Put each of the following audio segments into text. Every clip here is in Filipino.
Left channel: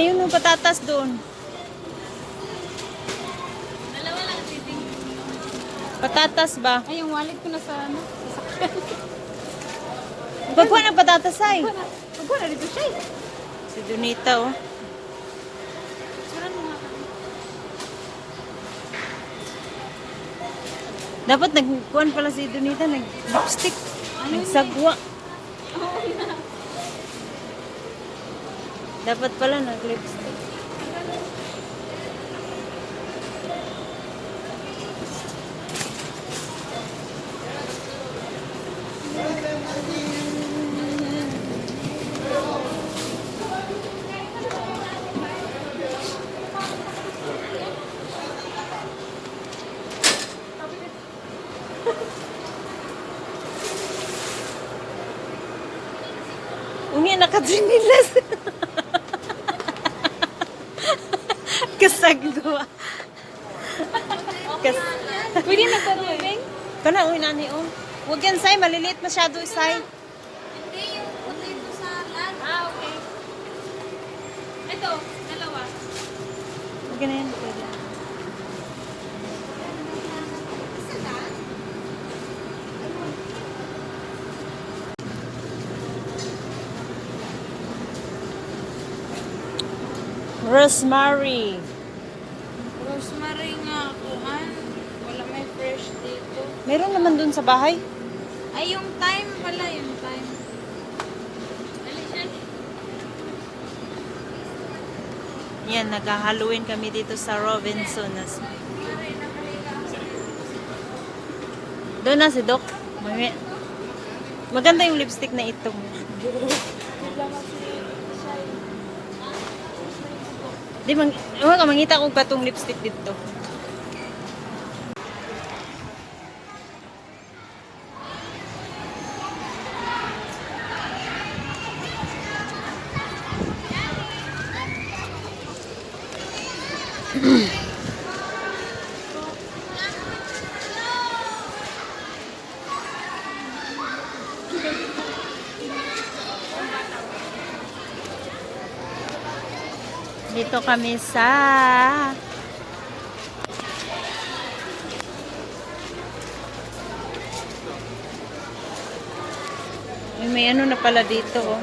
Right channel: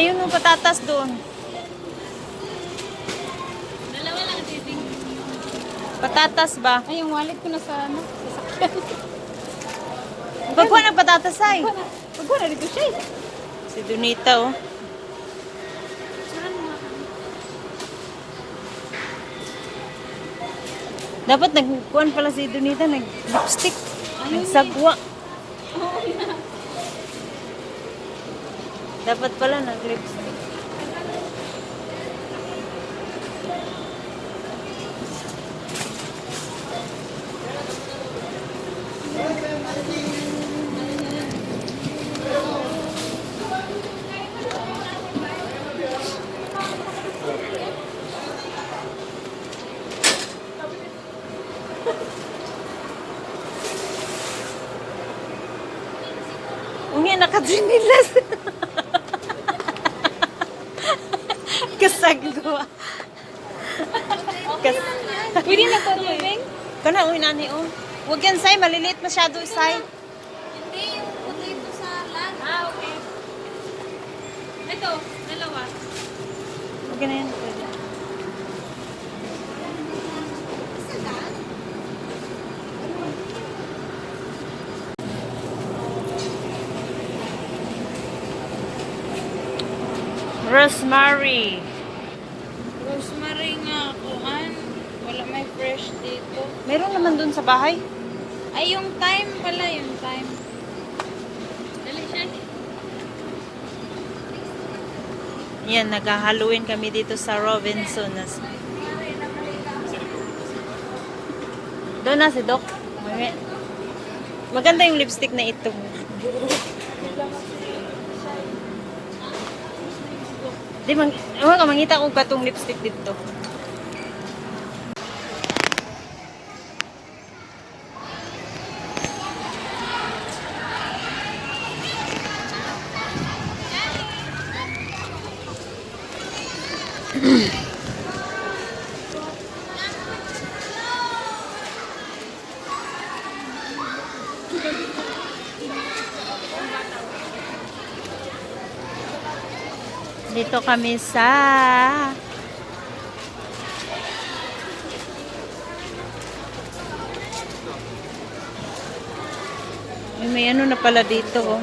Ayun yung patatas doon. Dalawa lang tibing. Patatas ba? Ay, yung wallet ko na sa ano. Pagkuha ng patatas ay. Pagkuha na dito siya. Si Donita oh. Dapat nagkuhan pala si Donita, nag-lipstick. Nagsagwa. Dapat pala nag-lipstick. Uni nakadinilas. Kasagwa. Pwede na ito tubing? Kana uwi nani oh. Huwag yan say, maliliit masyado say. Hindi, yung potato salad. Ah, okay. Ito, dalawa. Huwag na yan. Pwede. Rosemary. Rosemary nga ako, wala may fresh dito. Meron naman dun sa bahay. Ay, yung thyme pala, yung thyme. Dali siya. Yan, nag-Halloween kami dito sa Robinson. Doon na si Doc. Maganda yung lipstick na ito. Di mangita ko katong lipstick dito. Dito kami sa may ano na pala dito oh.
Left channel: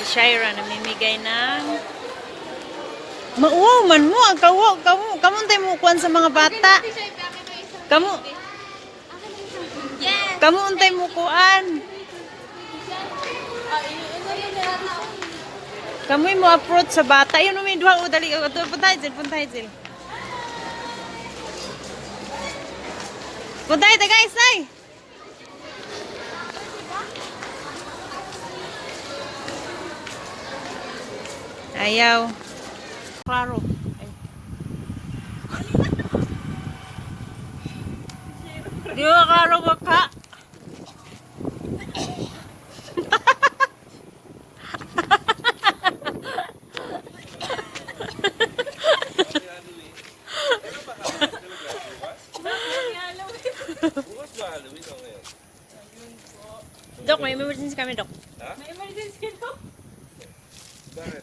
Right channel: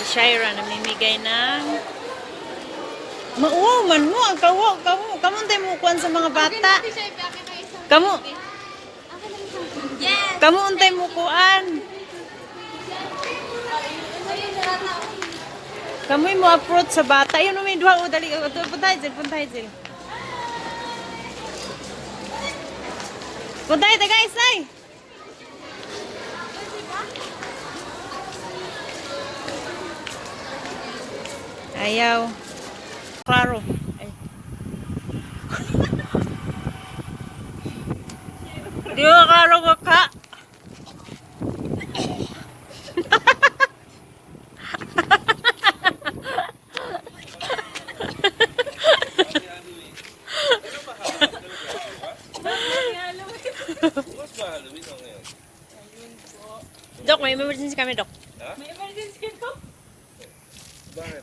Si Shira namimigay ng mauwaw man mo ang kamu tayo mo kuwan sa mga bata. Kamu untay mo kuan. Kamu mo approach sa bata. Ayun may duha o dali. Puntay dil. Puntay ta guys ay. Ayaw. Klaro. Ay. Di ba klaro ko ka? Dok, may emergency kami, Dok. May emergency ko? Bakit?